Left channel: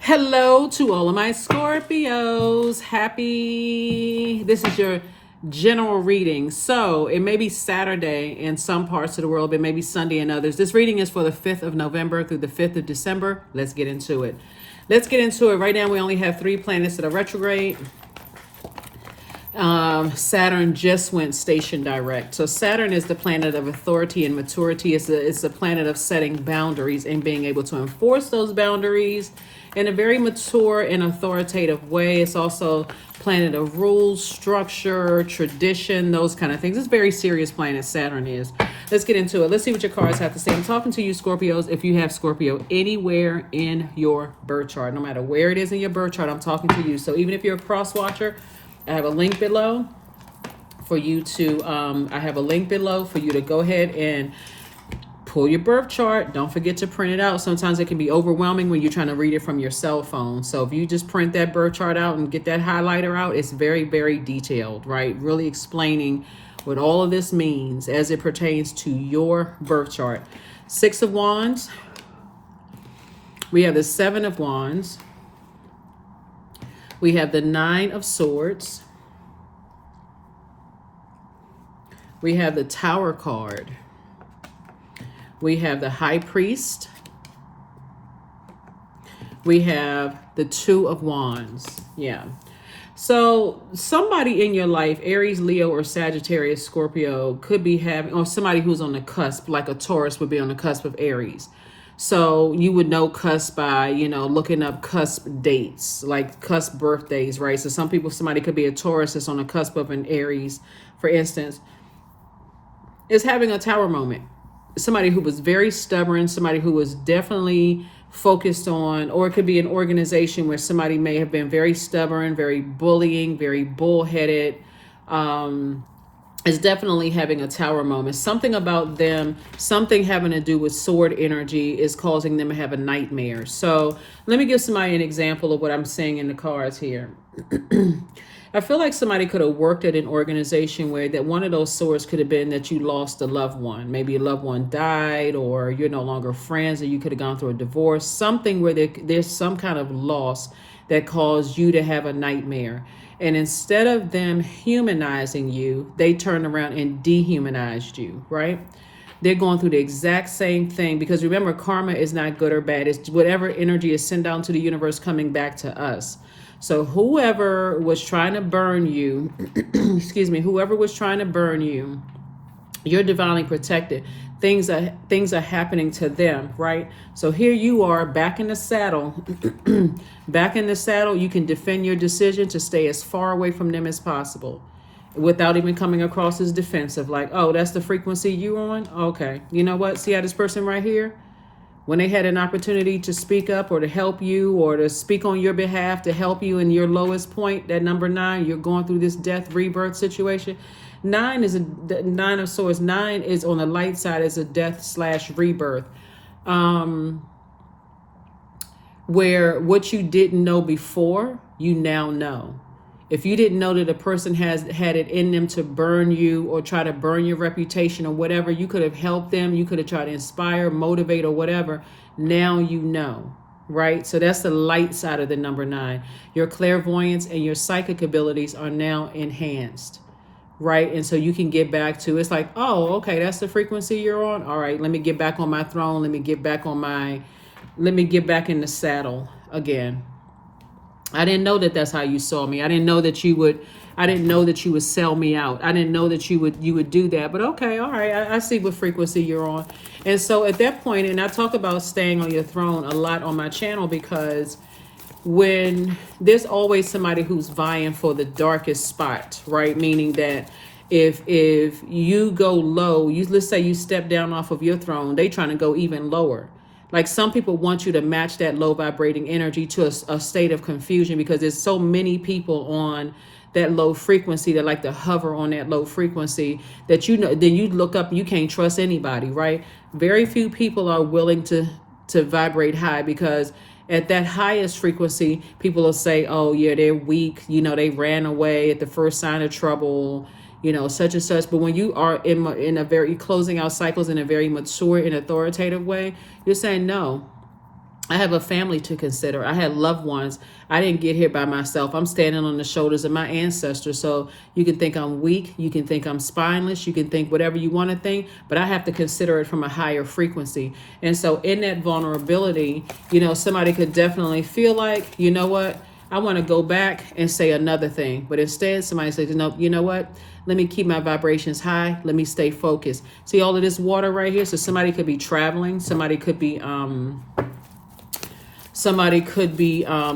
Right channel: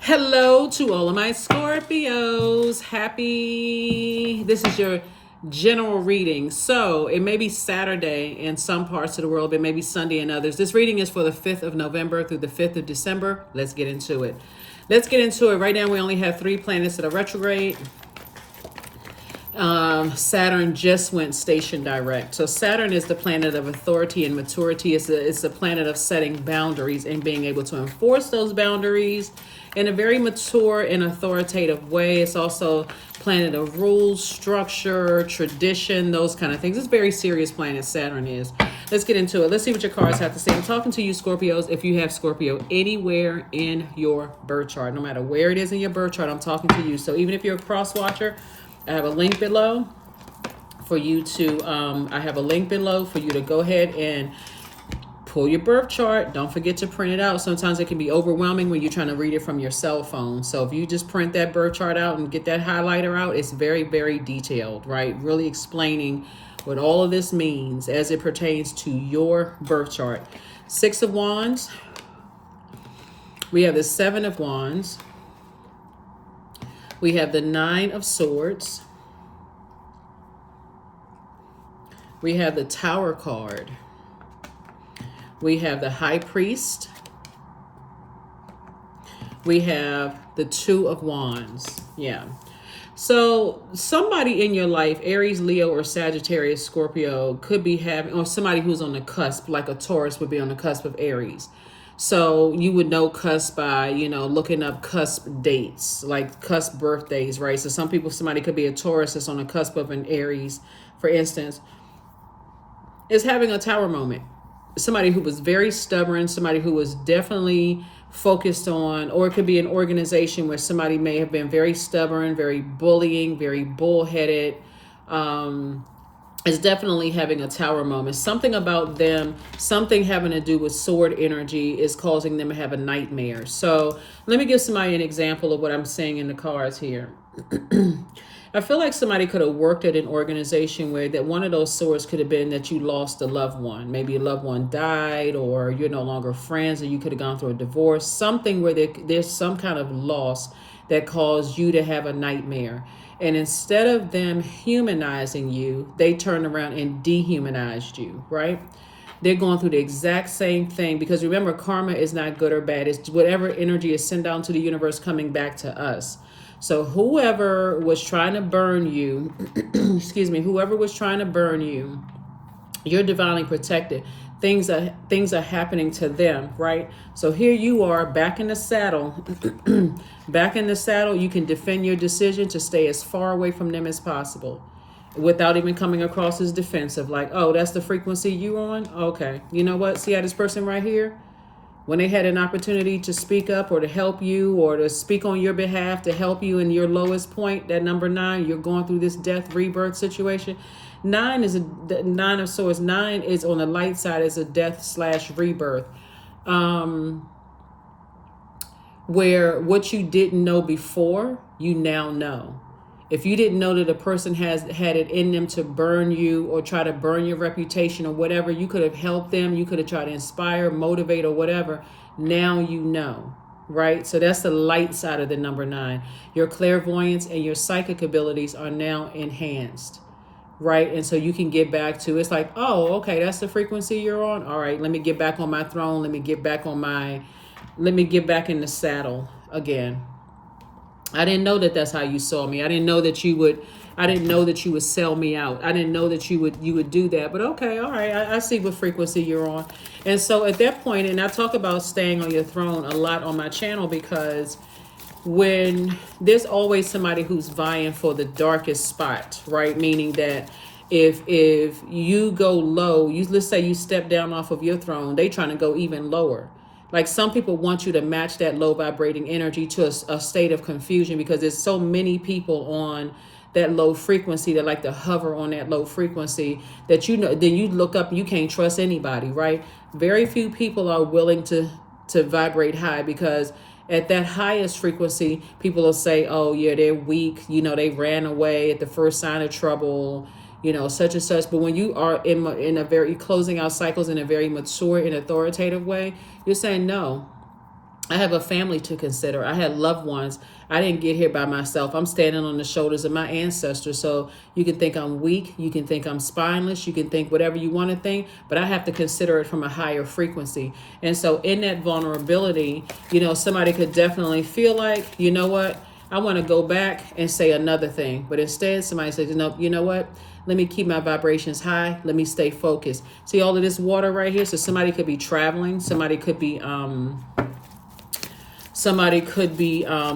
Hello to all of my Scorpios. This is your general reading. So it may be Saturday in some parts of the world, it may be Sunday in others. This reading is for the 5th of November through the 5th of December. Let's get into it. Right now, we only have 3 planets that are retrograde. Saturn just went station direct. So Saturn is the planet of authority and maturity. It's the planet of setting boundaries and being able to enforce those boundaries in a very mature and authoritative way. It's also planet of rules, structure, tradition, those kind of things. It's a very serious planet, Saturn is. Let's get into it. Let's see what your cards have to say. I'm talking to you, Scorpios, if you have Scorpio anywhere in your birth chart. No matter where it is in your birth chart, I'm talking to you. So even if you're a cross watcher, I have a link below for you to go ahead and pull your birth chart. Don't forget to print it out. Sometimes it can be overwhelming when you're trying to read it from your cell phone. So if you just print that birth chart out and get that highlighter out, it's very, very detailed, right? Really explaining what all of this means as it pertains to your birth chart. 6 of Wands. We have the 7 of Wands. We have the 9 of Swords. We have the Tower card. We have the High Priest. We have the 2 of Wands. Yeah. So somebody in your life, Aries, Leo, or Sagittarius, Scorpio, could be having, or somebody who's on the cusp, like a Taurus would be on the cusp of Aries. So you would know cusp by, looking up cusp dates, like cusp birthdays, right? So somebody could be a Taurus that's on the cusp of an Aries, for instance, is having a tower moment. Somebody who was very stubborn, somebody who was definitely focused on, or it could be an organization where somebody may have been very stubborn, very bullying, very bullheaded, is definitely having a tower moment. Something about them, something having to do with sword energy is causing them to have a nightmare. So let me give somebody an example of what I'm saying in the cards here. I feel like somebody could have worked at an organization where that one of those swords could have been that you lost a loved one. Maybe a loved one died, or you're no longer friends, or you could have gone through a divorce. Something where there's some kind of loss that caused you to have a nightmare. And instead of them humanizing you, they turned around and dehumanized you, right? They're going through the exact same thing, because remember, karma is not good or bad. It's whatever energy is sent out to the universe coming back to us. So whoever was trying to burn you, whoever was trying to burn you, you're divinely protected. Things are happening to them, right? So here you are back in the saddle. Back in the saddle, you can defend your decision to stay as far away from them as possible without even coming across as defensive, like, oh, that's the frequency you on? Okay. You know what? See how this person right here, when they had an opportunity to speak up or to help you or to speak on your behalf, to help you in your lowest point, that number 9, you're going through this death rebirth situation. 9 is a 9 of Swords. 9 is on the light side, is a death/rebirth. Where what you didn't know before, you now know. If you didn't know that a person has had it in them to burn you or try to burn your reputation or whatever, you could have helped them. You could have tried to inspire, motivate, or whatever. Now you know, right? So that's the light side of the number 9. Your clairvoyance and your psychic abilities are now enhanced, right? And so you can get back to, it's like, oh, okay, that's the frequency you're on. All right, let me get back on my throne. Let me get back in the saddle again. I didn't know that that's how you saw me. I didn't know that you would sell me out. I didn't know that you would do that. But okay, all right, I see what frequency you're on. And so at that point, and I talk about staying on your throne a lot on my channel, because when there's always somebody who's vying for the darkest spot, right? Meaning that if you go low, let's say you step down off of your throne, they trying to go even lower. Like, some people want you to match that low vibrating energy to a state of confusion, because there's so many people on that low frequency that like to hover on that low frequency that, then you look up, you can't trust anybody, right? Very few people are willing to vibrate high, because at that highest frequency, people will say, oh yeah, they're weak, they ran away at the first sign of trouble, such and such. But when you are in a very closing out cycles in a very mature and authoritative way, you're saying, no, I have a family to consider. I had loved ones. I didn't get here by myself. I'm standing on the shoulders of my ancestors. So you can think I'm weak. You can think I'm spineless. You can think whatever you want to think. But I have to consider it from a higher frequency. And so in that vulnerability, somebody could definitely feel like, you know what? I want to go back and say another thing. But instead, somebody says, you know what? Let me keep my vibrations high. Let me stay focused. See all of this water right here? So somebody could be traveling. Somebody could be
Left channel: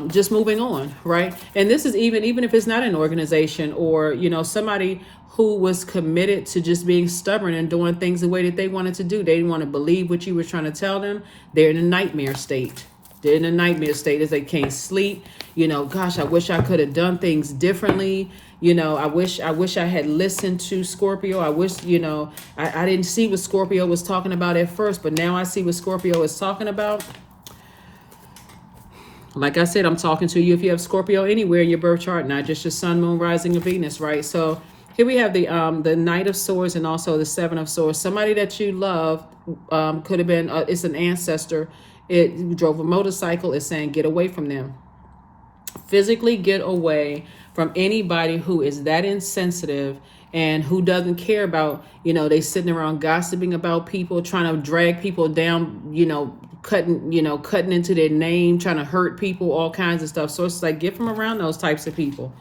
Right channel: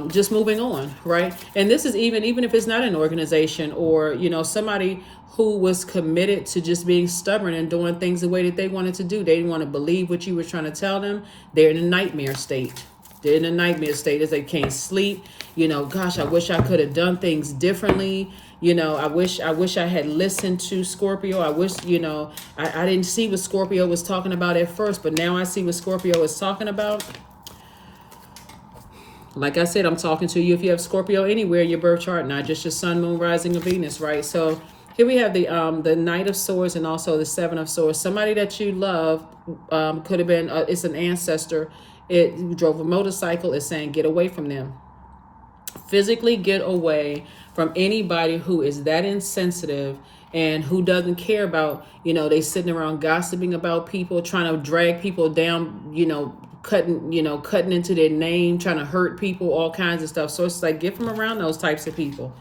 just moving on, right? And this is even if it's not an organization or, somebody who was committed to just being stubborn and doing things the way that they wanted to do. They didn't want to believe what you were trying to tell them. They're in a nightmare state. They're in a nightmare state as they can't sleep. Gosh, I wish I could have done things differently. I wish I had listened to Scorpio. I wish, I didn't see what Scorpio was talking about at first, but now I see what Scorpio is talking about. Like I said, I'm talking to you if you have Scorpio anywhere in your birth chart, not just your sun, moon, rising, and Venus, right? So here we have the Knight of Swords and also the Seven of Swords. Somebody that you love could have been, it's an ancestor. It drove a motorcycle. It's saying get away from them. Physically get away from anybody who is that insensitive and who doesn't care about, they sitting around gossiping about people, trying to drag people down, cutting into their name, trying to hurt people, all kinds of stuff. So it's like, get from around those types of people,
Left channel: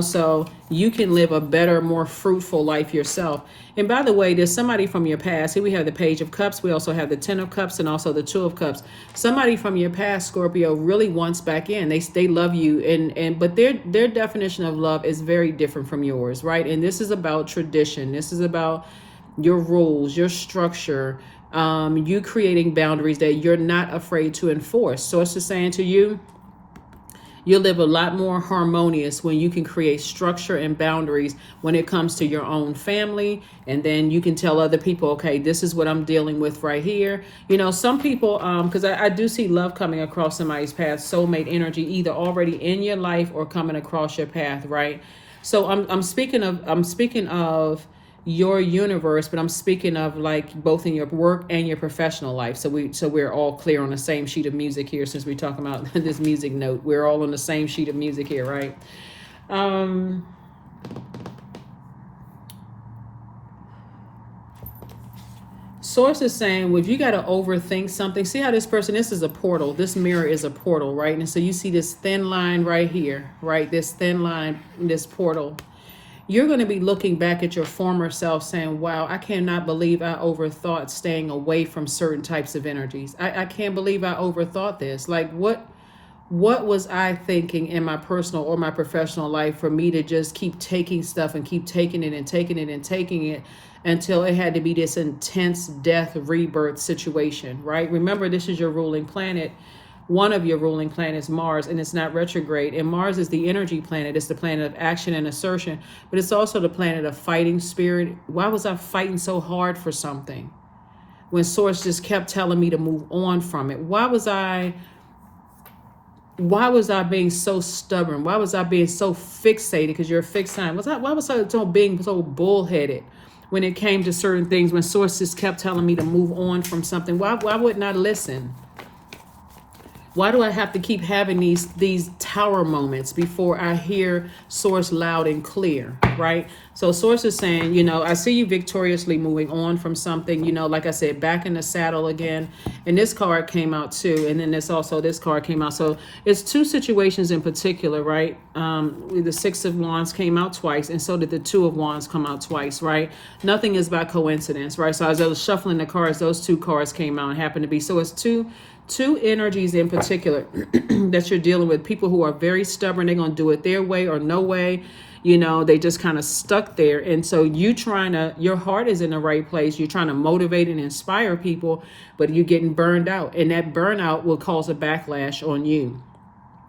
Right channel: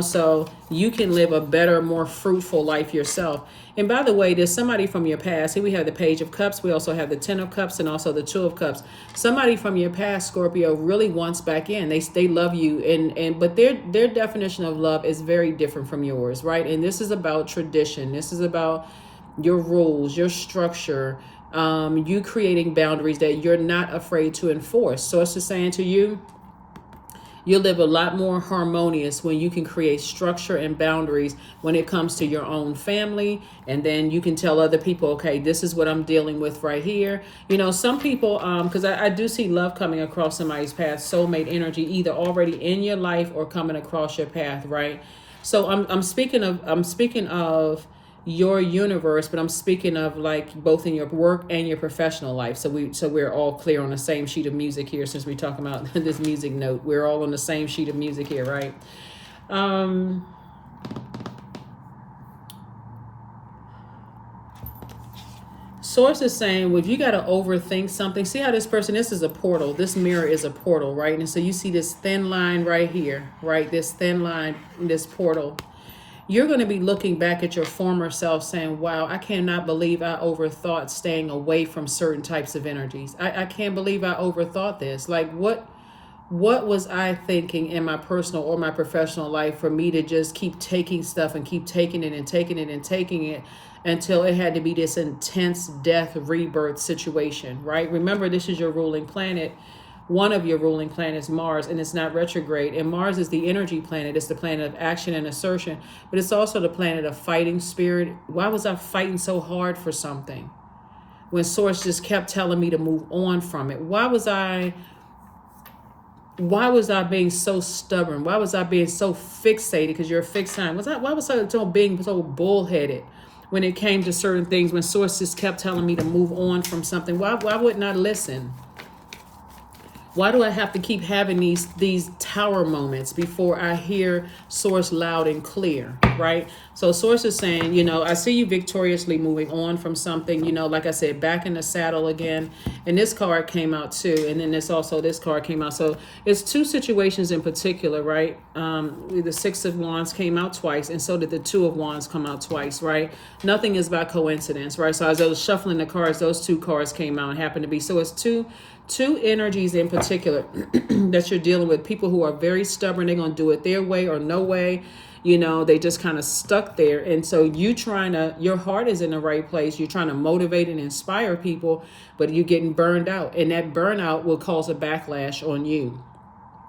so you can live a better, more fruitful life yourself. And by the way, there's somebody from your past. Here we have the Page of Cups. We also have the Ten of Cups and also the Two of Cups. Somebody from your past, Scorpio, really wants back in. They love you, but their definition of love is very different from yours, right? And this is about tradition. This is about your rules, your structure, you creating boundaries that you're not afraid to enforce. So it's just saying to you, you'll live a lot more harmonious when you can create structure and boundaries when it comes to your own family. And then you can tell other people, okay, this is what I'm dealing with right here. Some people, because I do see love coming across somebody's path, soulmate energy, either already in your life or coming across your path, right? So I'm speaking of your universe, but I'm speaking of like both in your work and your professional life. So we're all clear on the same sheet of music here, since we're talking about this music note. We're all on the same sheet of music here, right? Source is saying, well, if you got to overthink something, see how this is a portal. This mirror is a portal, right? And so you see this thin line right here, right? This thin line, this portal. You're going to be looking back at your former self saying, wow, I cannot believe I overthought staying away from certain types of energies. I can't believe I overthought this. Like, what was I thinking in my personal or my professional life for me to just keep taking stuff and keep taking it and taking it and taking it until it had to be this intense death rebirth situation, right? Remember, this is your ruling planet. One of your ruling planets, Mars, and it's not retrograde. And Mars is the energy planet. It's the planet of action and assertion, but it's also the planet of fighting spirit. Why was I fighting so hard for something when Source just kept telling me to move on from it? Why was I being so stubborn? Why was I being so fixated? Because you're a fixed sign. Why was I being so bullheaded when it came to certain things? When Source just kept telling me to move on from something, why wouldn't I listen? Why do I have to keep having these tower moments before I hear Source loud and clear, right? So Source is saying, I see you victoriously moving on from something, like I said, back in the saddle again. And this card came out too. And then this card came out. So it's two situations in particular, right? The Six of Wands came out twice, and so did the Two of Wands come out twice, right? Nothing is by coincidence, right? So as I was shuffling the cards, those two cards came out and happened to be. So it's two energies in particular that you're dealing with. People who are very stubborn. They're going to do it their way or no way. They just kind of stuck there. And so your heart is in the right place. You're trying to motivate and inspire people, but you're getting burned out. And that burnout will cause a backlash on you,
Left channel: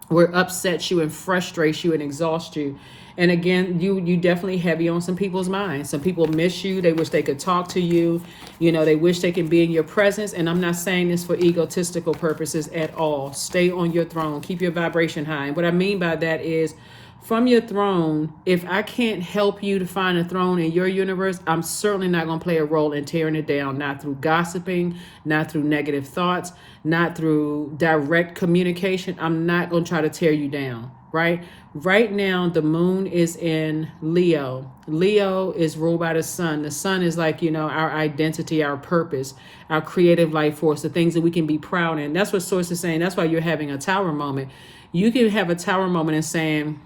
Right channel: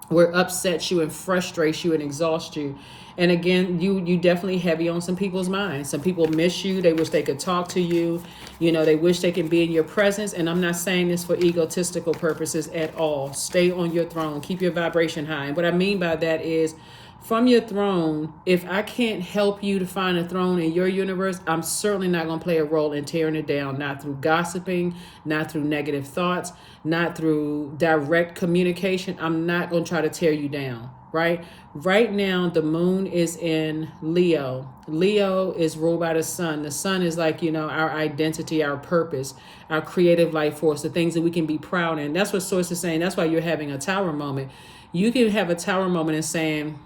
where it upsets you and frustrates you and exhausts you. And again, you definitely heavy on some people's minds. Some people miss you. They wish they could talk to you. They wish they can be in your presence. And I'm not saying this for egotistical purposes at all. Stay on your throne. Keep your vibration high. And what I mean by that is from your throne, if I can't help you to find a throne in your universe, I'm certainly not going to play a role in tearing it down, not through gossiping, not through negative thoughts, not through direct communication. I'm not going to try to tear you down, right? Right now, the moon is in Leo. Leo is ruled by the sun. The sun is like, our identity, our purpose, our creative life force, the things that we can be proud in. That's what Source is saying. That's why you're having a tower moment. You can have a tower moment and saying,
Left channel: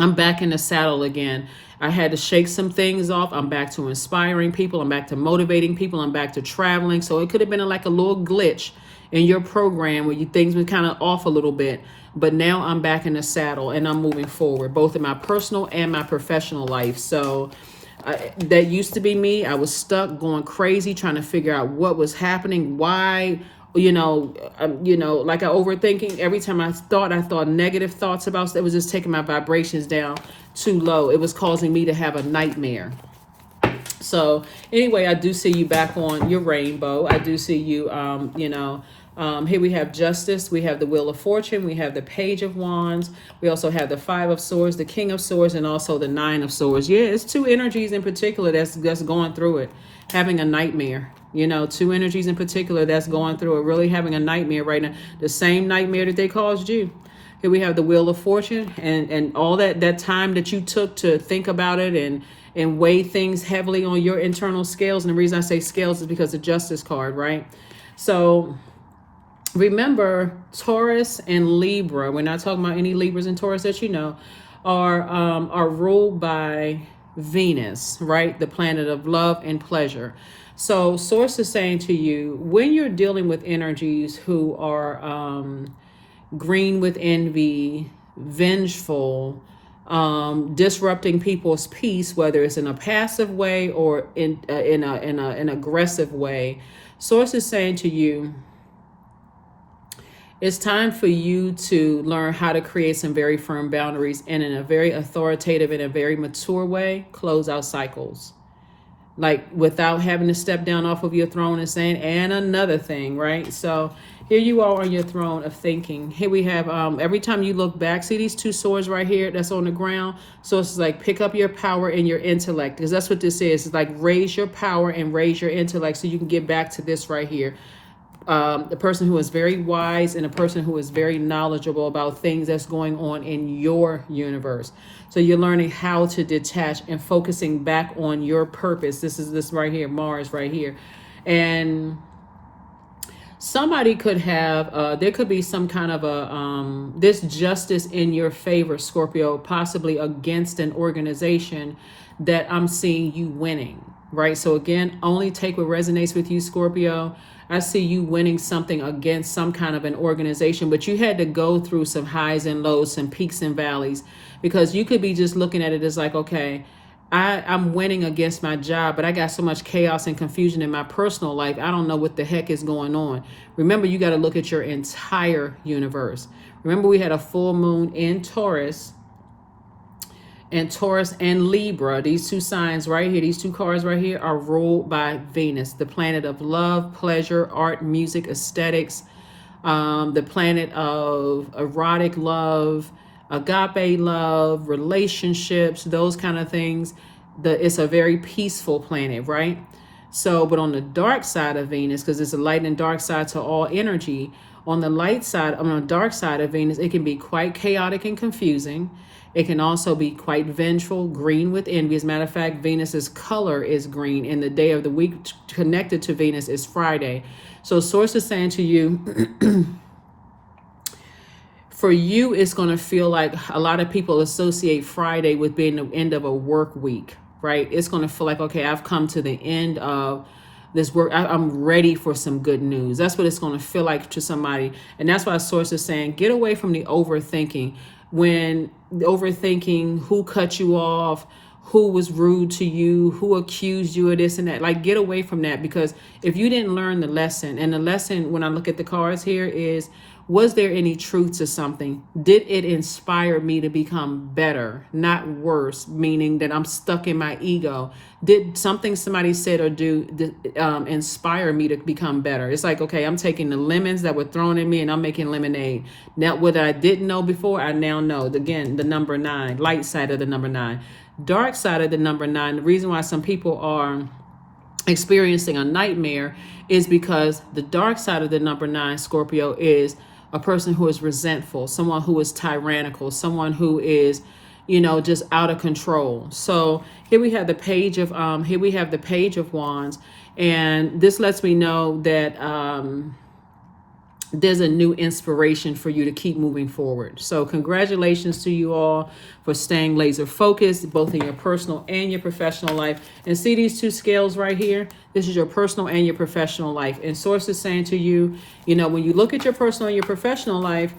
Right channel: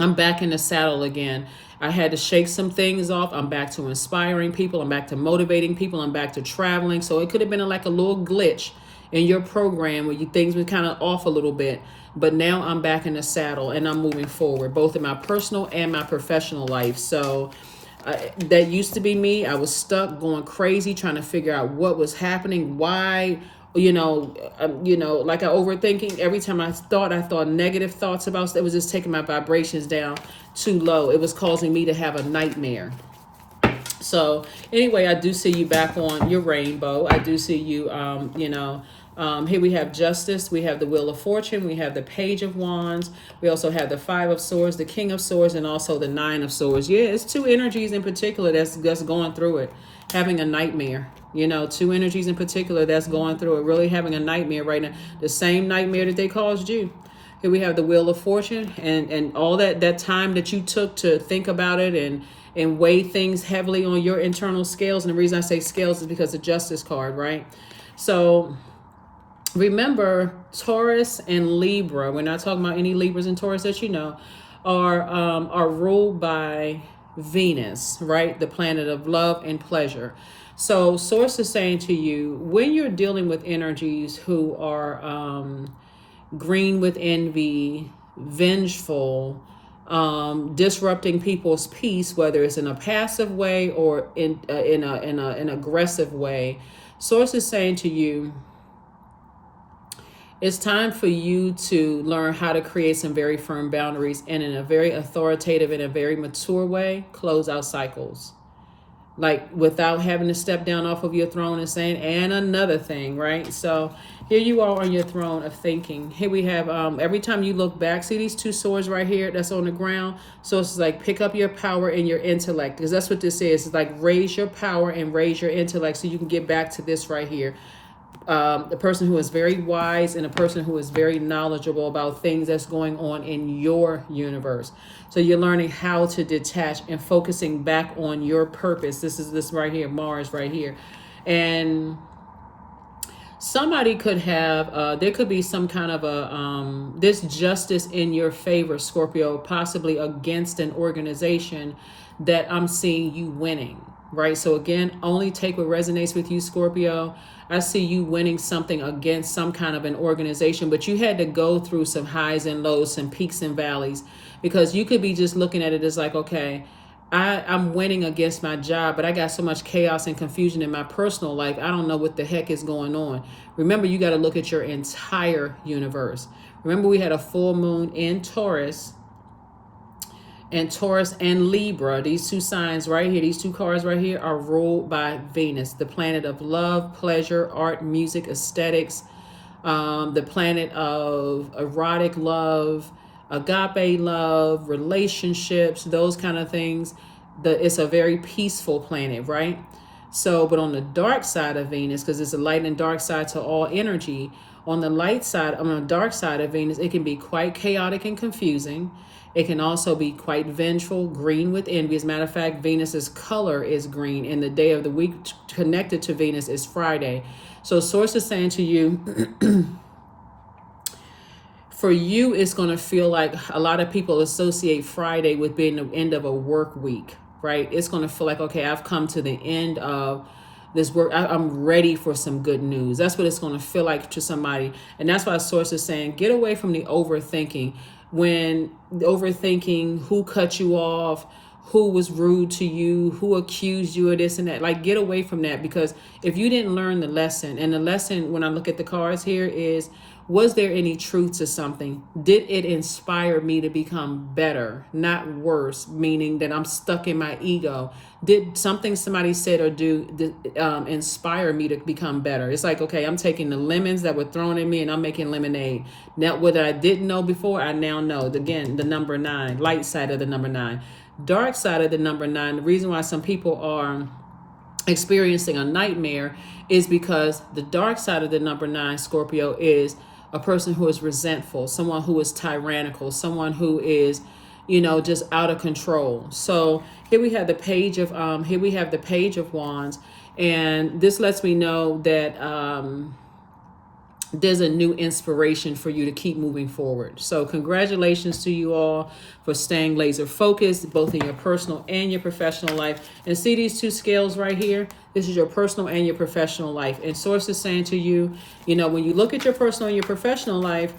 I'm back in the saddle again. I had to shake some things off. I'm back to inspiring people. I'm back to motivating people. I'm back to traveling. So it could have been like a little glitch in your program where things were kind of off a little bit. But now I'm back in the saddle and I'm moving forward, both in my personal and my professional life. So that used to be me. I was stuck going crazy trying to figure out what was happening, why, like I overthinking. Every time I thought negative thoughts about it was just taking my vibrations down too low. It was causing me to have a nightmare. So anyway, I do see you back on your rainbow. I do see you, here we have Justice, we have the Wheel of Fortune, we have the Page of Wands, we also have the Five of Swords, the King of Swords, and also the Nine of Swords. Yeah, it's two energies in particular that's going through it, having a nightmare. Two energies in particular that's going through it, really having a nightmare right now. The same nightmare that they caused you. Here we have the Wheel of Fortune, and all that time that you took to think about it and weigh things heavily on your internal scales. And the reason I say scales is because the Justice card, right? So remember, Taurus and Libra, we're not talking about any Libras and Taurus that are ruled by Venus, right? The planet of love and pleasure. So Source is saying to you, when you're dealing with energies who are green with envy, vengeful, disrupting people's peace, whether it's in a passive way or in an aggressive way, Source is saying to you, it's time for you to learn how to create some very firm boundaries and in a very authoritative and a very mature way, close out cycles. Like without having to step down off of your throne and saying, and another thing, right? So here you are on your throne of thinking. Here we have, every time you look back, see these two swords right here that's on the ground? So it's like pick up your power and your intellect, because that's what this is. It's like raise your power and raise your intellect so you can get back to this right here. The person who is very wise and a person who is very knowledgeable about things that's going on in your universe. So you're learning how to detach and focusing back on your purpose. This is this right here, Mars right here. And somebody could have, there could be some kind of this justice in your favor, Scorpio, possibly against an organization that I'm seeing you winning, right? So again, only take what resonates with you, Scorpio. I see you winning something against some kind of an organization, but you had to go through some highs and lows, some peaks and valleys, because you could be just looking at it as like, okay, I'm winning against my job, but I got so much chaos and confusion in my personal life. I don't know what the heck is going on. Remember, you got to look at your entire universe. Remember, we had a full moon in Taurus, and Taurus and Libra, these two signs right here, these two cards right here are ruled by Venus, the planet of love, pleasure, art, music, aesthetics, the planet of erotic love, agape love, relationships, those kind of things. It's a very peaceful planet, right? So, but on the dark side of Venus, because it's a light and dark side to all energy, on the light side, on the dark side of Venus, it can be quite chaotic and confusing. It can also be quite vengeful, green with envy. As a matter of fact, Venus's color is green, and the day of the week connected to Venus is Friday. So Source is saying to you, for you, it's going to feel like a lot of people associate Friday with being the end of a work week, right? It's going to feel like, okay, I've come to the end of this work. I'm ready for some good news. That's what it's going to feel like to somebody. And that's why Source is saying, get away from the overthinking. When overthinking who cut you off, who was rude to you, who accused you of this and that, like get away from that, because if you didn't learn the lesson, and the lesson when I look at the cards here is Was there any truth to something? Did it inspire me to become better, not worse, meaning that I'm stuck in my ego? Did something somebody said or do inspire me to become better? It's like, okay, I'm taking the lemons that were thrown in me and I'm making lemonade. Now, what I didn't know before, I now know. Again, the number 9, light side of the number 9. Dark side of the number 9, the reason why some people are experiencing a nightmare is because the dark side of the number 9, Scorpio, is a person who is resentful, someone who is tyrannical, someone who is, just out of control. So here we have the page of wands, and this lets me know that there's a new inspiration for you to keep moving forward. So congratulations to you all for staying laser focused, both in your personal and your professional life. And see these 2 scales right here? This is your personal and your professional life. And Source is saying to you, when you look at your personal and your professional life,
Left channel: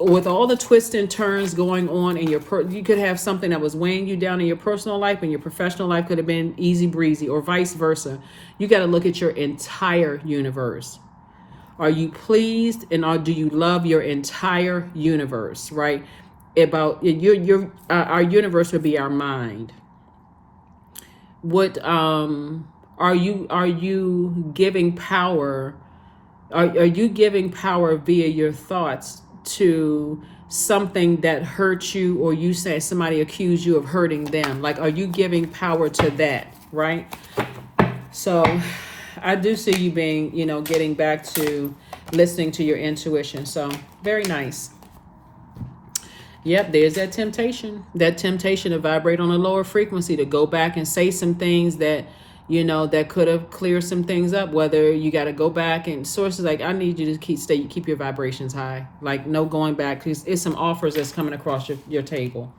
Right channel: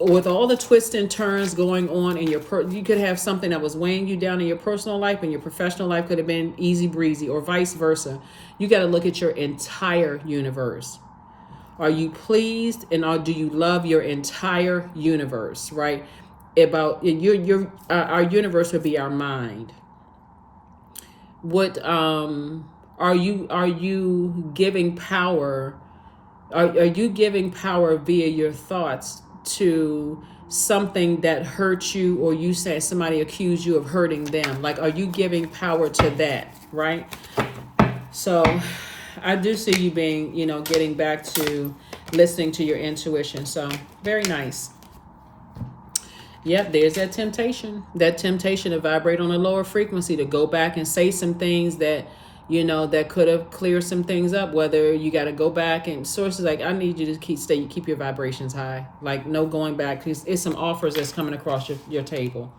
with all the twists and turns going on in you could have something that was weighing you down in your personal life, and your professional life could have been easy breezy, or vice versa. You got to look at your entire universe. Are you pleased, and do you love your entire universe, right? About our universe would be our mind. What are you giving power? Are you giving power via your thoughts to something that hurts you, or you say somebody accused you of hurting them? Like, are you giving power to that, right? So I do see you being, getting back to listening to your intuition. So very nice. Yep, there's that temptation to vibrate on a lower frequency, to go back and say some things that, that could have cleared some things up. Whether you got to go back, and Sources like, I need you to keep your vibrations high. Like, no going back, because it's some offers that's coming across your table.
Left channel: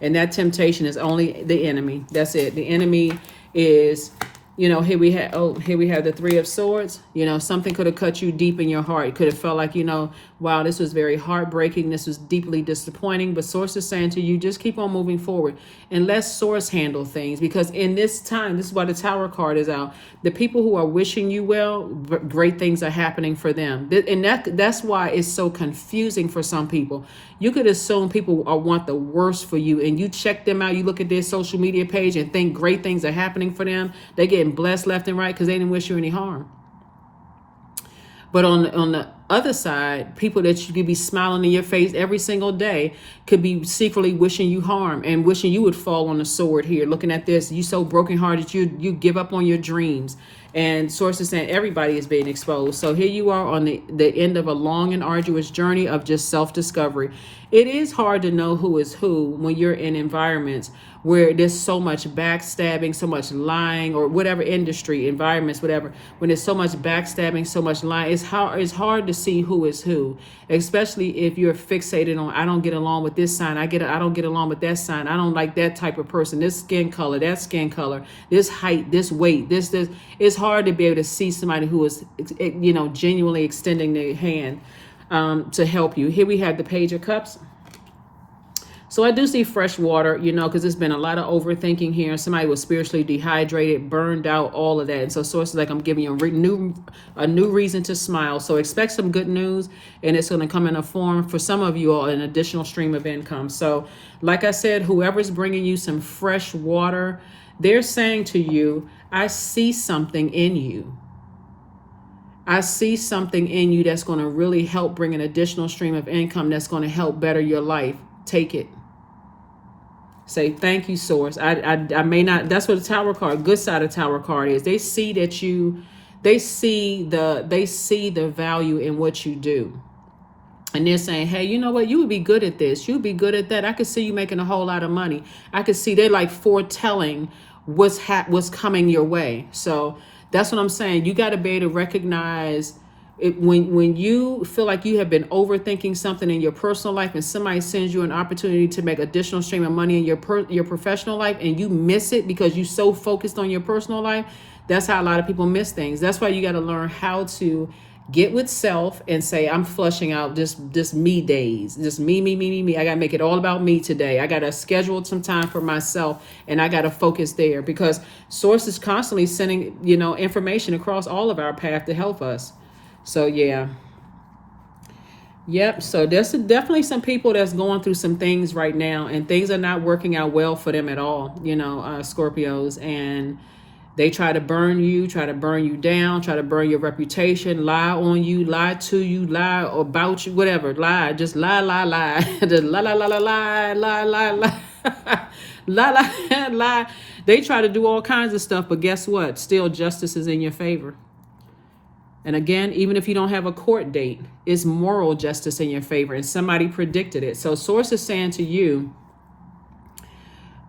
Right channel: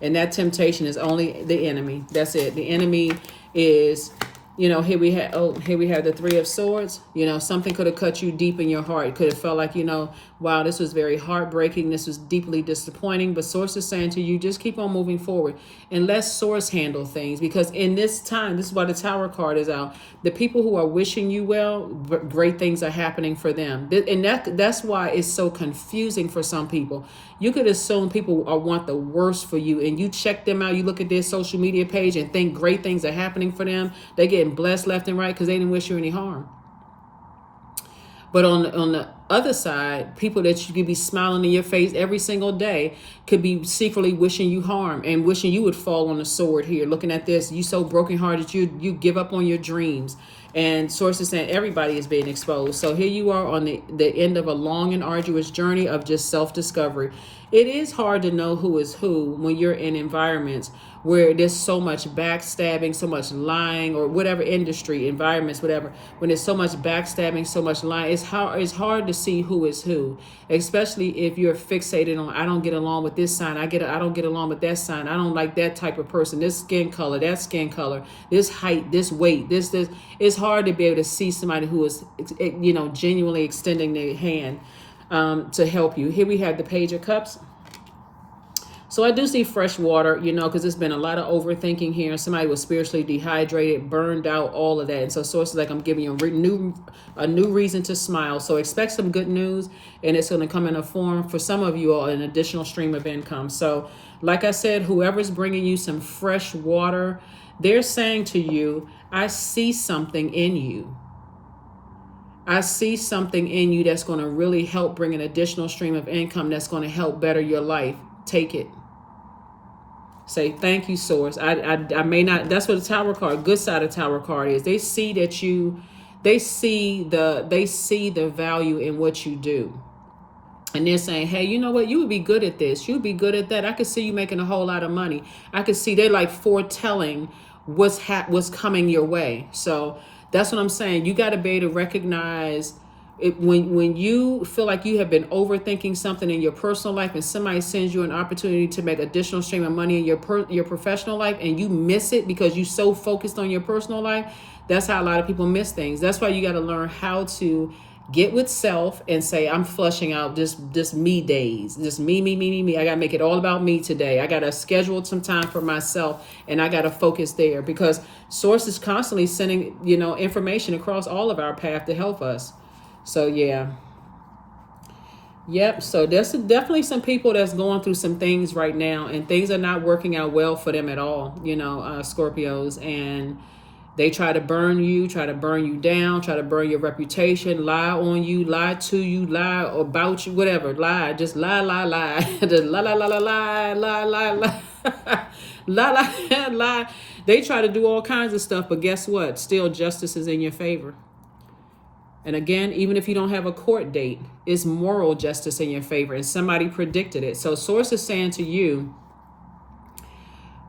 And that temptation is only the enemy. That's it. The enemy is, here we have the 3 of Swords. Something could have cut you deep in your heart. It could have felt like, wow, this was very heartbreaking. This was deeply disappointing. But Source is saying to you, just keep on moving forward and let Source handle things. Because in this time, this is why the Tower card is out. The people who are wishing you well, great things are happening for them. And that's why it's so confusing for some people. You could assume people want the worst for you, and you check them out. You look at their social media page and think great things are happening for them. They're getting blessed left and right because they didn't wish you any harm. But on the other side, people that you could be smiling in your face every single day could be secretly wishing you harm and wishing you would fall on the sword here. Looking at this, you so brokenhearted, you give up on your dreams. And Sources saying everybody is being exposed. So here you are on the end of a long and arduous journey of just self-discovery. It is hard to know who is who when you're in environments where there's so much backstabbing, so much lying, or whatever industry, environments, whatever. When there's so much backstabbing, so much lying, it's hard to see who is who, especially if you're fixated on, I don't get along with this sign, I don't get along with that sign, I don't like that type of person, this skin color, that skin color, this height, this weight, this. It's hard to be able to see somebody who is, genuinely extending their hand to help you. Here we have the Page of Cups. So I do see fresh water, because there's been a lot of overthinking here. Somebody was spiritually dehydrated, burned out, all of that. And so Sources like, I'm giving you a new reason to smile. So expect some good news, and it's going to come in a form, for some of you all, an additional stream of income. So like I said, whoever's bringing you some fresh water, they're saying to you, I see something in you. I see something in you that's going to really help bring an additional stream of income, that's going to help better your life. Take it. Say, thank you, Source. I may not, that's what the Tower card, good side of Tower card is. They see that they see the value in what you do. And they're saying, hey, you know what? You would be good at this. You'd be good at that. I could see you making a whole lot of money. I could see they're like foretelling what's coming your way. So that's what I'm saying. You got to be able to recognize it, when you feel like you have been overthinking something in your personal life, and somebody sends you an opportunity to make additional stream of money in your professional life, and you miss it because you're so focused on your personal life. That's how a lot of people miss things. That's why you got to learn how to get with self and say, I'm flushing out just me days, just me. I got to make it all about me today. I got to schedule some time for myself, and I got to focus there, because Source is constantly sending, information across all of our path to help us. So yeah. Yep. So there's definitely some people that's going through some things right now, and things are not working out well for them at all. Scorpios, and they try to burn you down, try to burn your reputation, lie on you, lie to you, lie about you, whatever, lie, just lie, lie, lie, just lie, lie, lie, lie, lie, lie, lie, lie, lie, lie, lie. They try to do all kinds of stuff, but guess what? Still, justice is in your favor. And again, even if you don't have a court date, it's moral justice in your favor, and somebody predicted it. So, source is saying to you,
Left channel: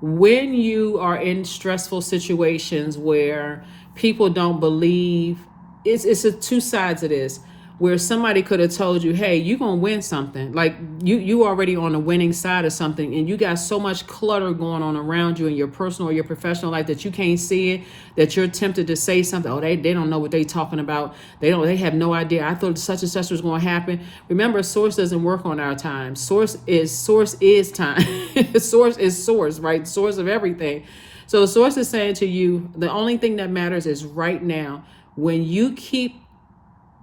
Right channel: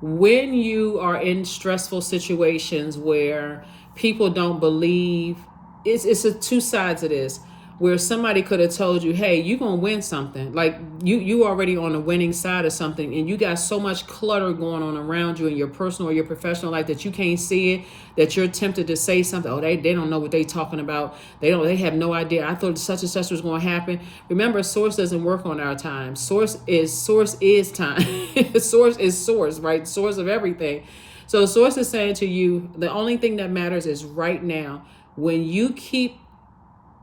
when you are in stressful situations where people don't believe, it's a two sides of this, where somebody could have told you, hey, you're gonna win something, like you already on the winning side of something, and you got so much clutter going on around you in your personal or your professional life that you can't see it, that you're tempted to say something. Oh, they don't know what they talking about. They have no idea. I thought such and such was going to happen. Remember, source doesn't work on our time. Source is time. Source is source, right? Source of everything. So source is saying to you, the only thing that matters is right now. When you keep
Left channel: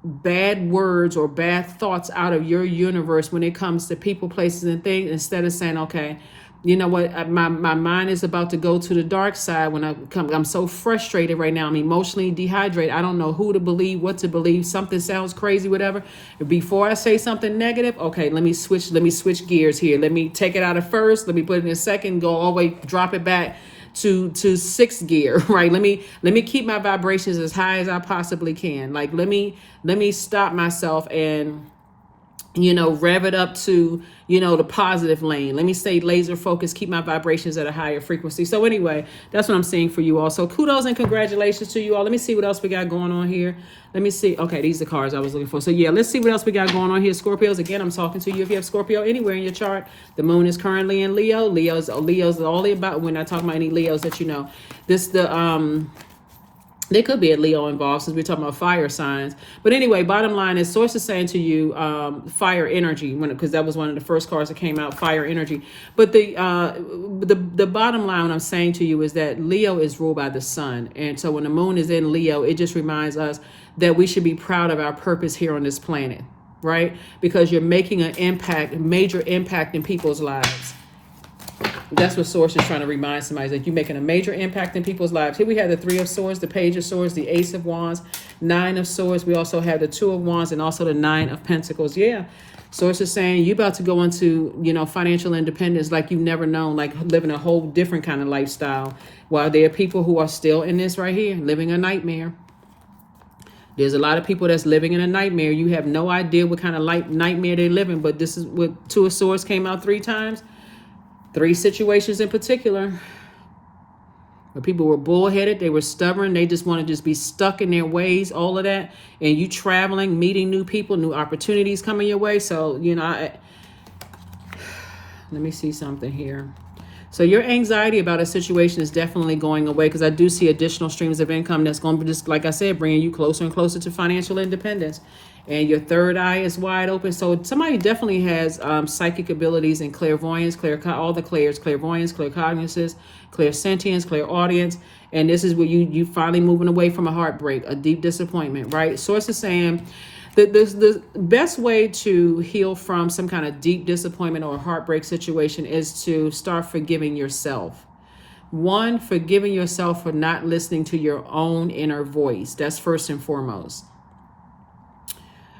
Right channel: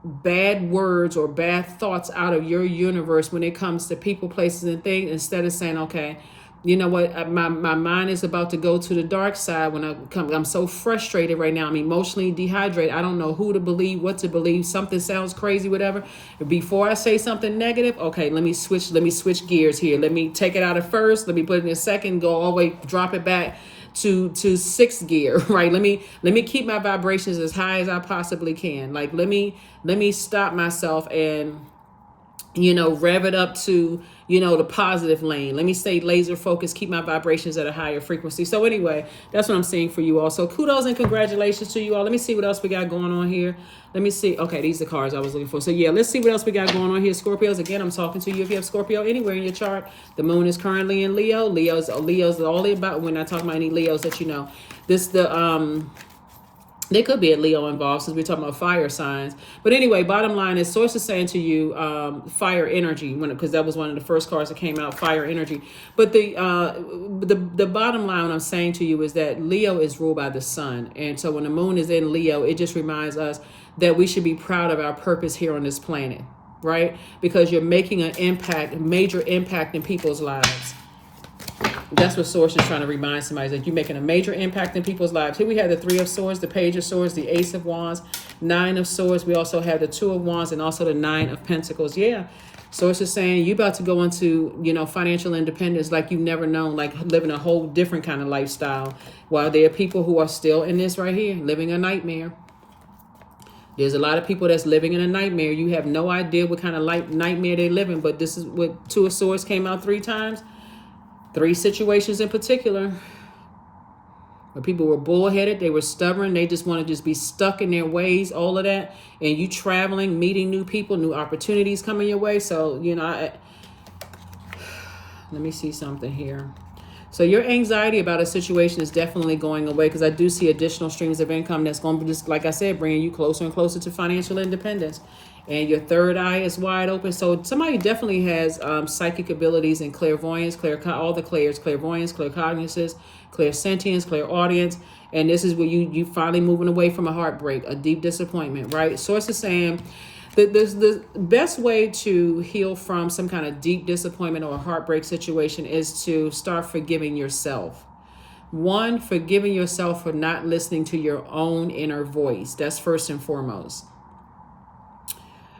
bad words or bad thoughts out of your universe when it comes to people, places, and things, instead of saying, okay, you know what, my mind is about to go to the dark side when I'm so frustrated right now. I'm emotionally dehydrated. I don't know who to believe, what to believe. Something sounds crazy, whatever. Before I say something negative, okay, let me switch gears here. Let me take it out of first. Let me put it in second, go all the way, drop it back to sixth gear, right? Let me keep my vibrations as high as I possibly can. Like let me stop myself and rev it up to, the positive lane. Let me stay laser focused, keep my vibrations at a higher frequency. So anyway, that's what I'm seeing for you all. So kudos and congratulations to you all. Let me see what else we got going on here. Let me see. Okay, these are the cards I was looking for. So yeah, let's see what else we got going on here. Scorpios, again, I'm talking to you. If you have Scorpio anywhere in your chart, the moon is currently in Leo. Leo's all about, we're not talking about any Leos that you know. There could be a Leo involved since we're talking about fire signs. But anyway, bottom line is source is saying to you, fire energy, because that was one of the first cards that came out, fire energy. But the bottom line, what I'm saying to you is that Leo is ruled by the sun. And so when the moon is in Leo, it just reminds us that we should be proud of our purpose here on this planet, right? Because you're making an impact, a major impact in people's lives. That's what source is trying to remind somebody, that you're making a major impact in people's lives. Here we have the Three of Swords, the Page of Swords, the Ace of Wands, Nine of Swords. We also have the Two of Wands and also the Nine of Pentacles. Yeah. Source is saying you're about to go into, financial independence like you've never known, like living a whole different kind of lifestyle. While there are people who are still in this right here, living a nightmare. There's a lot of people that's living in a nightmare. You have no idea what kind of nightmare they're living, but this is what Two of Swords came out 3 times. 3 situations in particular where people were bullheaded, they were stubborn, they just want to just be stuck in their ways, all of that. And you traveling, meeting new people, new opportunities coming your way. So, let me see something here. So your anxiety about a situation is definitely going away, because I do see additional streams of income that's going to be, just like I said, bringing you closer and closer to financial independence. And your third eye is wide open. So somebody definitely has psychic abilities and clairvoyance, all the clairs, clairvoyance, claircognizance, clairsentience, clairaudience. And this is where you finally moving away from a heartbreak, a deep disappointment, right? Source is saying that the best way to heal from some kind of deep disappointment or heartbreak situation is to start forgiving yourself. 1, forgiving yourself for not listening to your own inner voice. That's first and foremost.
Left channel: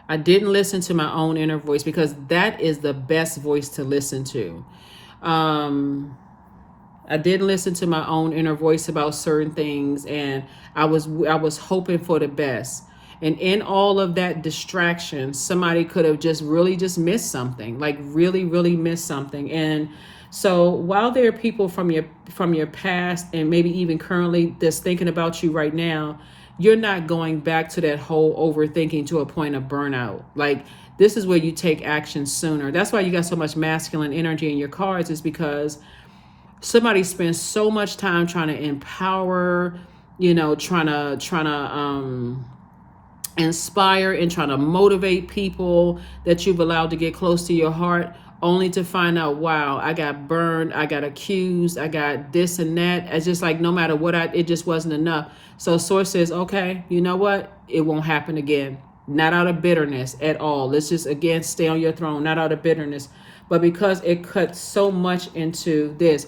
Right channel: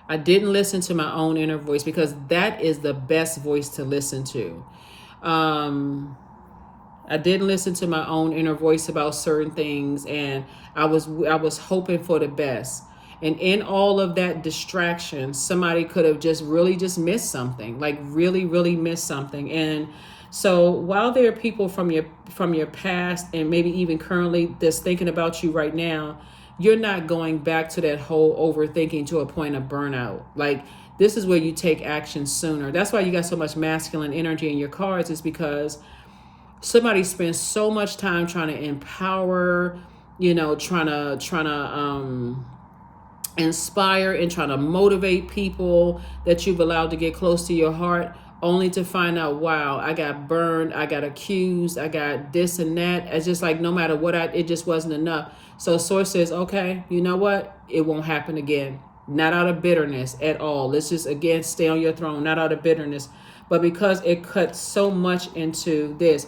I didn't listen to my own inner voice, because that is the best voice to listen to. I didn't listen to my own inner voice about certain things, and I was hoping for the best. And in all of that distraction, somebody could have just missed something, like really, really missed something. And so while there are people from your past and maybe even currently that's thinking about you right now, you're not going back to that whole overthinking to a point of burnout. Like, this is where you take action sooner. That's why you got so much masculine energy in your cards, is because somebody spends so much time trying to empower, trying to inspire and trying to motivate people that you've allowed to get close to your heart, only to find out, wow, I got burned, I got accused, I got this and that. It's just like, no matter what, it just wasn't enough. So source says, okay, you know what? It won't happen again. not out of bitterness at all. Let's just, again, stay on your throne, not out of bitterness, but because it cuts so much into this.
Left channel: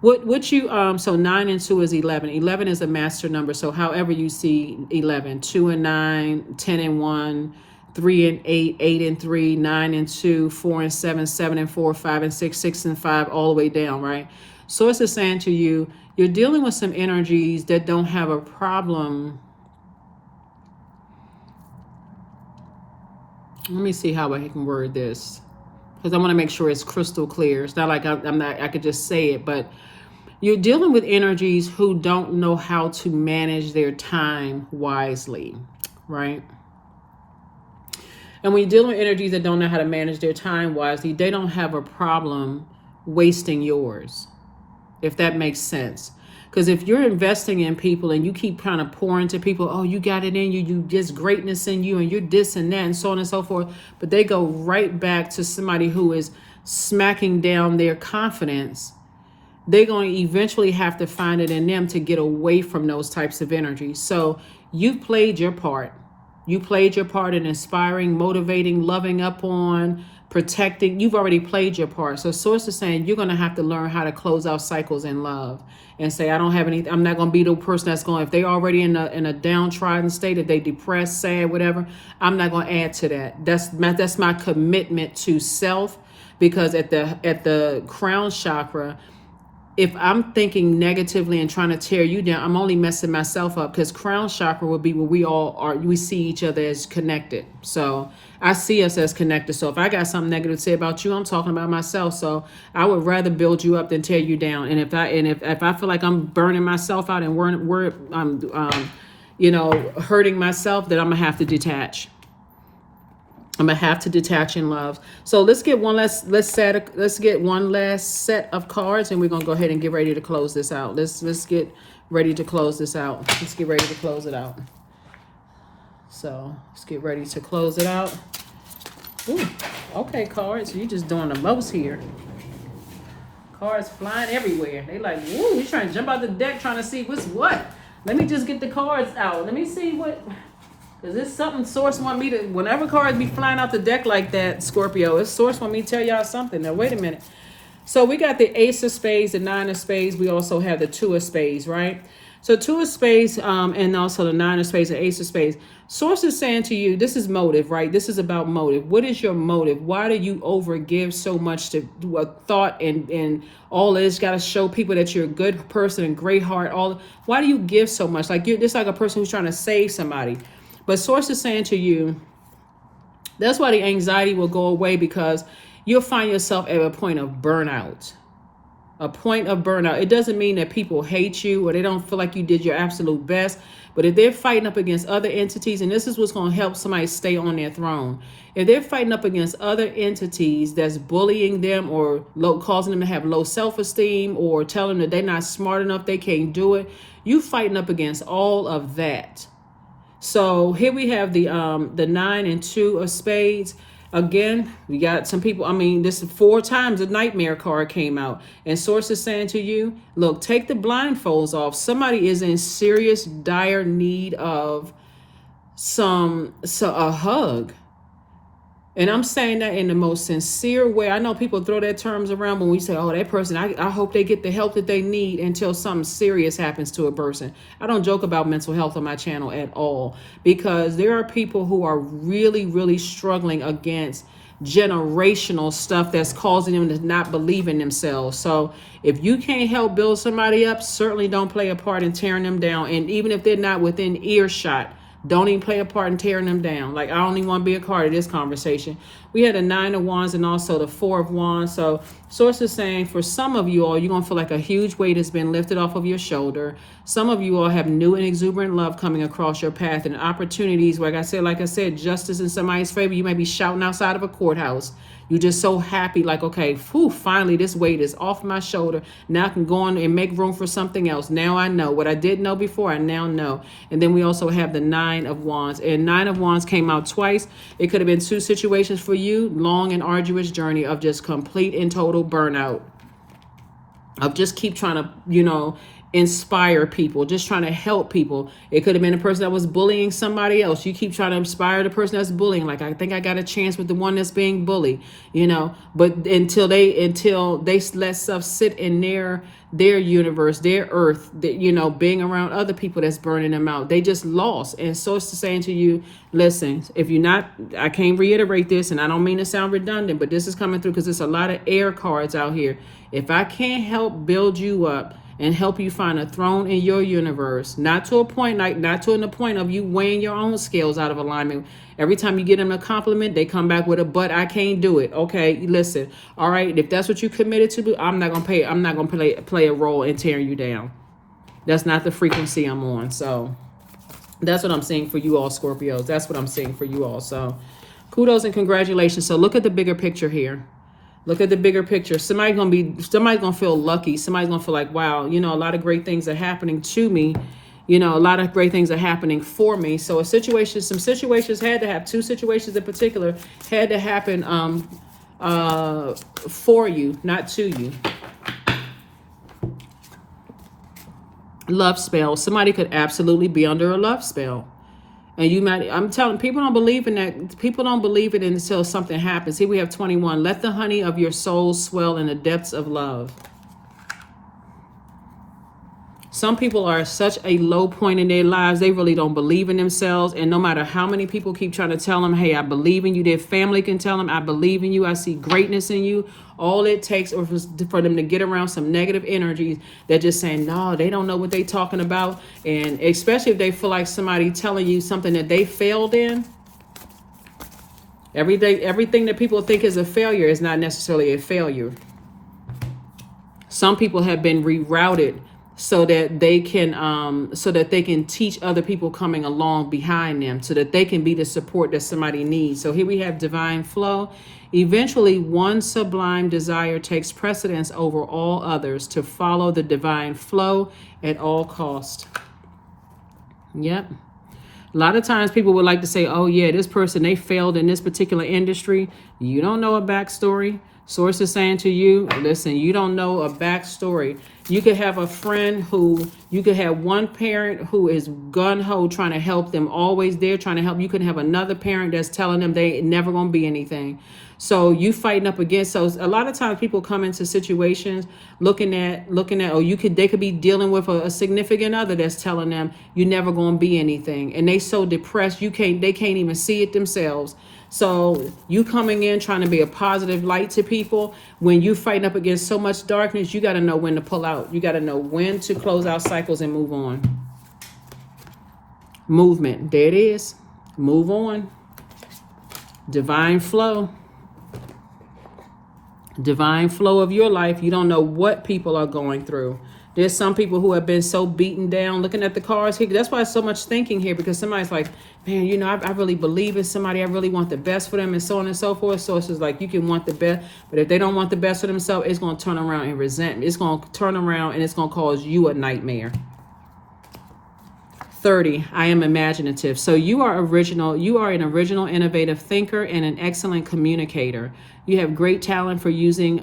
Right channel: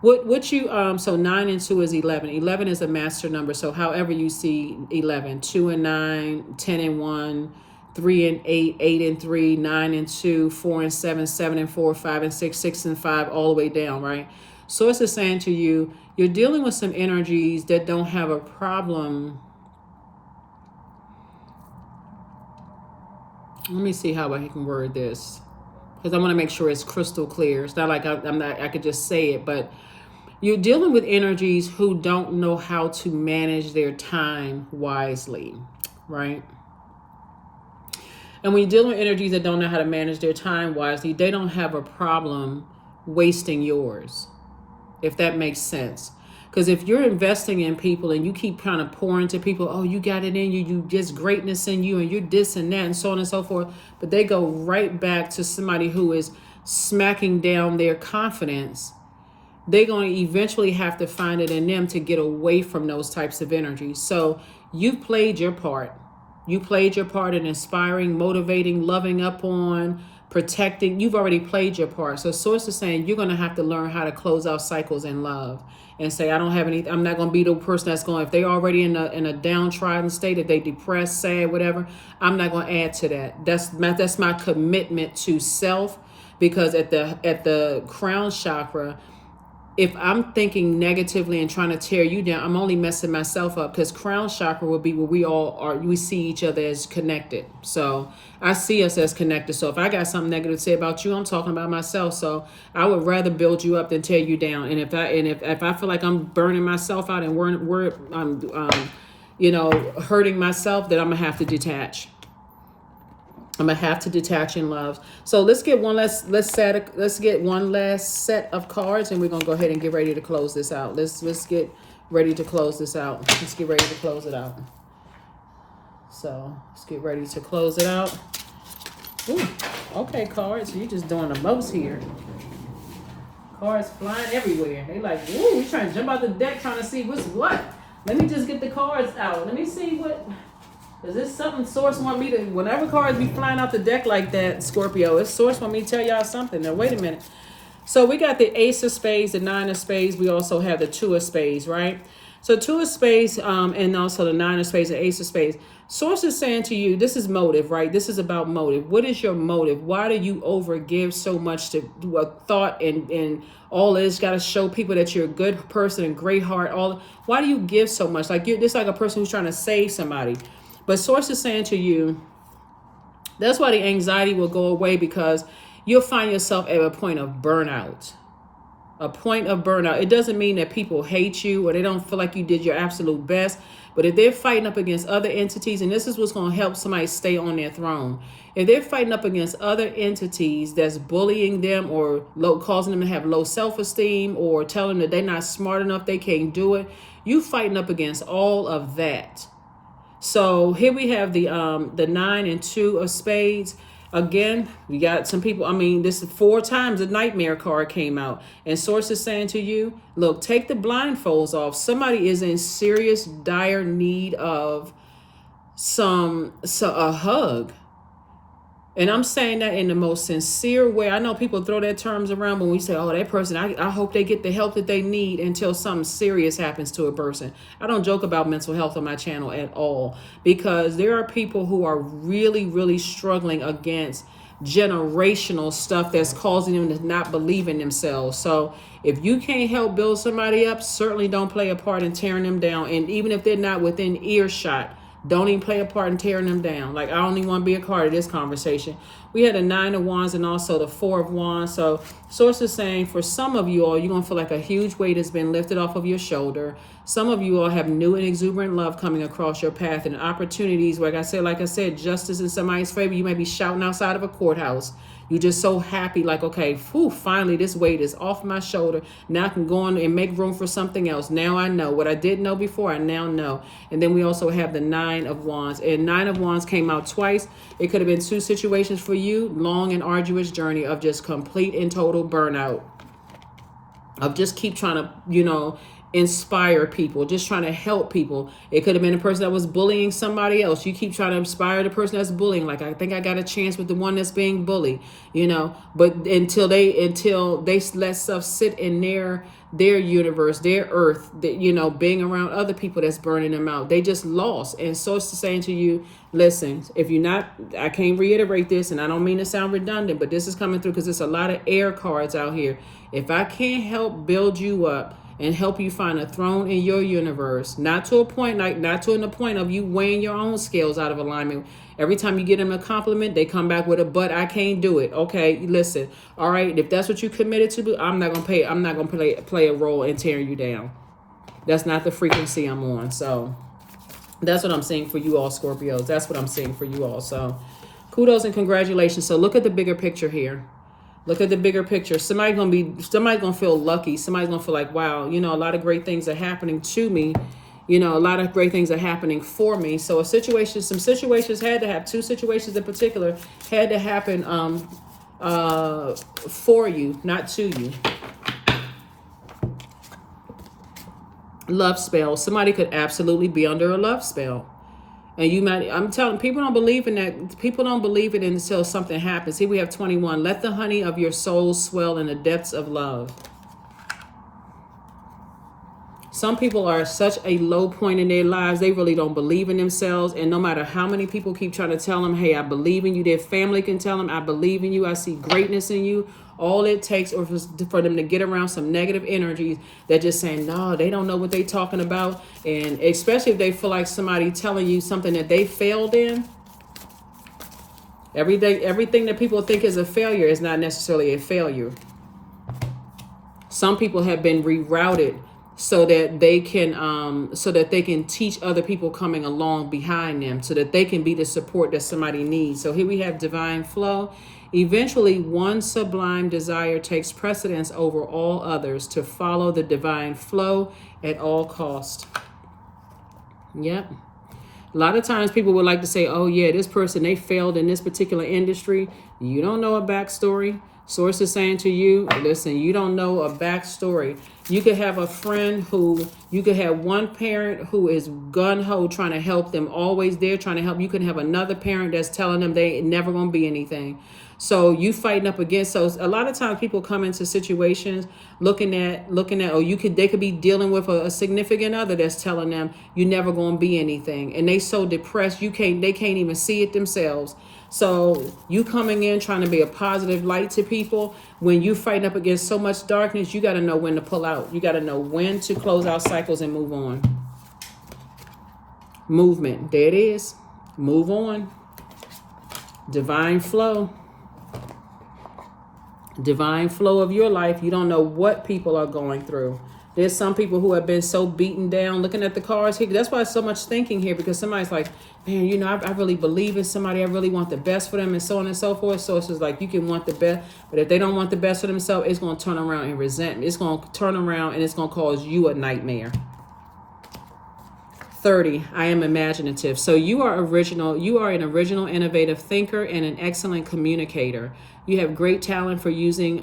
What you so 9 and 2 is 11. 11 is a master number. So however you see 11, 2 and 9, 10 and 1, 3 and 8, 8 and 3, 9 and 2, 4 and 7, 7 and 4, 5 and 6, 6 and 5, all the way down, right? Source is saying to you, you're dealing with some energies that don't have a problem. Let me see how I can word this, because I want to make sure it's crystal clear. It's not like I could just say it, but you're dealing with energies who don't know how to manage their time wisely, right? And when you're dealing with energies that don't know how to manage their time wisely, they don't have a problem wasting yours, if that makes sense. Because if you're investing in people and you keep trying to pour into people, oh, you got it in you, you just greatness in you, and you're this and that and so on and so forth, but they go right back to somebody who is smacking down their confidence, they're going to eventually have to find it in them to get away from those types of energies. So you've played your part. You played your part in inspiring, motivating, loving up on, protecting. You've already played your part. So Source is saying you're going to have to learn how to close out cycles in love and say, I don't have any, I'm not going to be the person that's going, if they're already in a downtrodden state, if they depressed, sad, whatever, I'm not going to add to that. That's my commitment to self, because at the crown chakra, if I'm thinking negatively and trying to tear you down, I'm only messing myself up, because crown chakra will be where we all are. We see each other as connected. So I see us as connected. So if I got something negative to say about you, I'm talking about myself. So I would rather build you up than tear you down. And if I feel like I'm burning myself out and I'm hurting myself, then I'm gonna have to detach. I'm gonna have to detach in love. So let's get one last set of cards, and we're gonna go ahead and get ready to close this out. Let's get ready to close this out. Let's get ready to close it out. So let's get ready to close it out. Ooh, okay, cards. You're just doing the most here. Cards flying everywhere. They like, woo, you trying to jump out the deck trying to see what's what. Let me just get the cards out. Let me see what. Because it's something Source want me to, whenever cards be flying out the deck like that, Scorpio, it's Source want me to tell y'all something. Now, wait a minute. So we got the Ace of Spades, the Nine of Spades. We also have the Two of Spades, right? So Two of Spades and also the Nine of Spades and Ace of Spades. Source is saying to you, this is motive, right? This is about motive. What is your motive? Why do you overgive so much to a thought and all of this? Got to show people that you're a good person and great heart. Why do you give so much? Like you're just like a person who's trying to save somebody. But Source is saying to you, that's why the anxiety will go away, because you'll find yourself at a point of burnout. A point of burnout. It doesn't mean that people hate you or they don't feel like you did your absolute best. But if they're fighting up against other entities, and this is what's going to help somebody stay on their throne. If they're fighting up against other entities that's bullying them or causing them to have low self-esteem or telling them that they're not smart enough, they can't do it, you fighting up against all of that. So here we have the 9 and 2 of Spades. Again, we got some people, this is 4 times the Nightmare card came out. And Source is saying to you, look, take the blindfolds off. Somebody is in serious, dire need of a hug. And I'm saying that in the most sincere way. I know people throw their terms around when we say, oh, that person, I hope they get the help that they need until something serious happens to a person. I don't joke about mental health on my channel at all, because there are people who are really, really struggling against generational stuff that's causing them to not believe in themselves. So if you can't help build somebody up, certainly don't play a part in tearing them down. And even if they're not within earshot, don't even play a part in tearing them down. Like, I don't even want to be a part of this conversation. We had a 9 of Wands and also the 4 of Wands. So Source is saying for some of you all, you're going to feel like a huge weight has been lifted off of your shoulder. Some of you all have new and exuberant love coming across your path and opportunities. Like I said, justice in somebody's favor. You may be shouting outside of a courthouse. You're just so happy, like, okay, finally this weight is off my shoulder. Now I can go on and make room for something else. Now I know. What I didn't know before, I now know. And then we also have the 9 of Wands. And 9 of Wands came out twice. It could have been 2 situations for you. Long and arduous journey of just complete and total burnout. Of just keep trying to, inspire people, just trying to help people. It could have been a person that was bullying somebody else. You keep trying to inspire the person that's bullying. Like, I think I got a chance with the one that's being bullied, you know. But until they let stuff sit in their universe, their earth, that, you know, being around other people that's burning them out, they just lost. And so it's saying to you, listen, if you're not, I can't reiterate this, and I don't mean to sound redundant, but this is coming through because there's a lot of air cards out here. If I can't help build you up and help you find a throne in your universe, not to a point, like not to the point of you weighing your own scales out of alignment. Every time you get them a compliment, they come back with a "but I can't do it." Okay, listen. All right, if that's what you committed to do, I'm not gonna play a role in tearing you down. That's not the frequency I'm on. So that's what I'm saying for you all, Scorpios. That's what I'm saying for you all. So kudos and congratulations. So look at the bigger picture here. Look at the bigger picture. Somebody's gonna feel lucky. Somebody's gonna feel like, wow, you know, a lot of great things are happening to me. You know, a lot of great things are happening for me. So some situations had to have, 2 situations in particular had to happen for you, not to you. Love spell. Somebody could absolutely be under a love spell. And you might, I'm telling people don't believe in that. People don't believe it until something happens. Here we have 21. Let the honey of your soul swell in the depths of love. Some people are at such a low point in their lives, they really don't believe in themselves. And no matter how many people keep trying to tell them, hey, I believe in you, their family can tell them, I believe in you, I see greatness in you. All it takes is for them to get around some negative energies that just saying, no, they don't know what they're talking about. And especially if they feel like somebody telling you something that they failed in. Everything that people think is a failure is not necessarily a failure. Some people have been rerouted so that they can teach other people coming along behind them, so that they can be the support that somebody needs. So here we have divine flow. Eventually, one sublime desire takes precedence over all others, to follow the divine flow at all cost. Yep. A lot of times people would like to say, oh yeah, this person, they failed in this particular industry. You don't know a backstory. Source is saying to you, listen, you don't know a backstory. You could have a friend you could have one parent who is gung-ho trying to help them, always there trying to help. You can have another parent that's telling them they never going to be anything. So you fighting up against. So a lot of times people come into situations looking at, they could be dealing with a significant other that's telling them you never going to be anything. And they so depressed, they can't even see it themselves. So you coming in trying to be a positive light to people, when you fighting up against so much darkness, you got to know when to pull out. You got to know when to close out cycles and move on. Movement. There it is. Move on. Divine flow. Divine flow of your life. You don't know what people are going through. There's some people who have been so beaten down. Looking at the cards here, that's why so much thinking here, because somebody's like, man, you know, I really believe in somebody. I really want the best for them, and so on and so forth. So it's just like, you can want the best, but if they don't want the best for themselves, it's going to turn around in resentment. It's going to turn around and it's going to cause you a nightmare. 30, I am imaginative. So you are original. You are an original, innovative thinker and an excellent communicator. You have great talent for using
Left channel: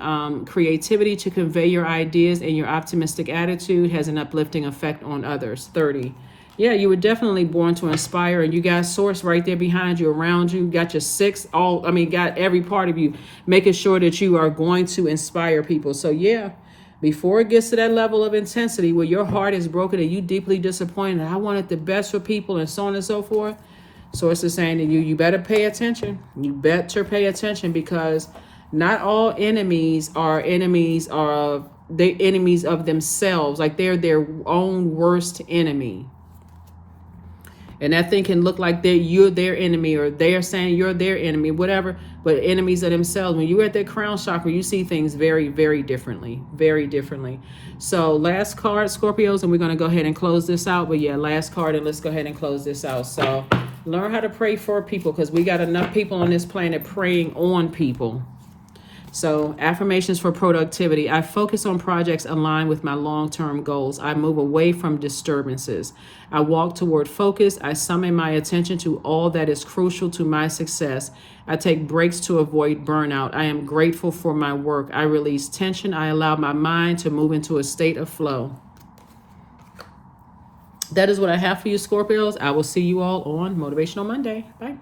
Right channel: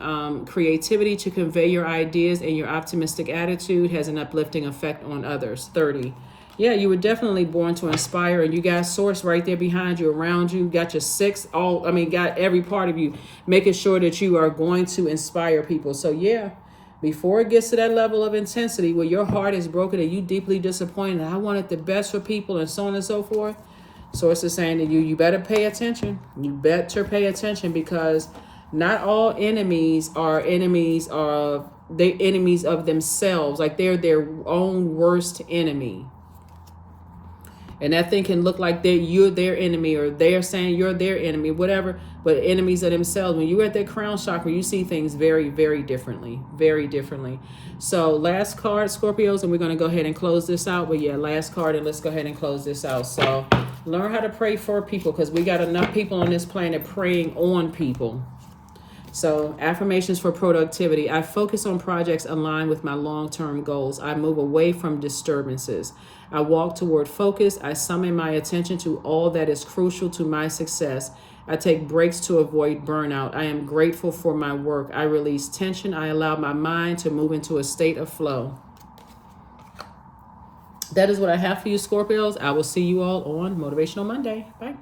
creativity to convey your ideas, and your optimistic attitude has an uplifting effect on others. 30. Yeah, you were definitely born to inspire, and you got source right there behind you, around you. Got your 6, got every part of you, making sure that you are going to inspire people. So yeah, before it gets to that level of intensity where your heart is broken and you deeply disappointed, I wanted the best for people and so on and so forth. Source is saying to you, you better pay attention. You better pay attention, because not all enemies are enemies of themselves. Like they're their own worst enemy. And that thing can look like you're their enemy, or they're saying you're their enemy, whatever, but enemies of themselves. When you're at that crown chakra, you see things very, very differently, very differently. So last card, Scorpios, and we're going to go ahead and close this out. But yeah, last card, and let's go ahead and close this out. So learn how to pray for people, because we got enough people on this planet praying on people. So affirmations for productivity. I focus on projects aligned with my long-term goals. I move away from disturbances. I walk toward focus. I summon my attention to all that is crucial to my success. I take breaks to avoid burnout. I am grateful for my work. I release tension. I allow my mind to move into a state of flow. That is what I have for you, Scorpios. I will see you all on Motivational Monday. Bye.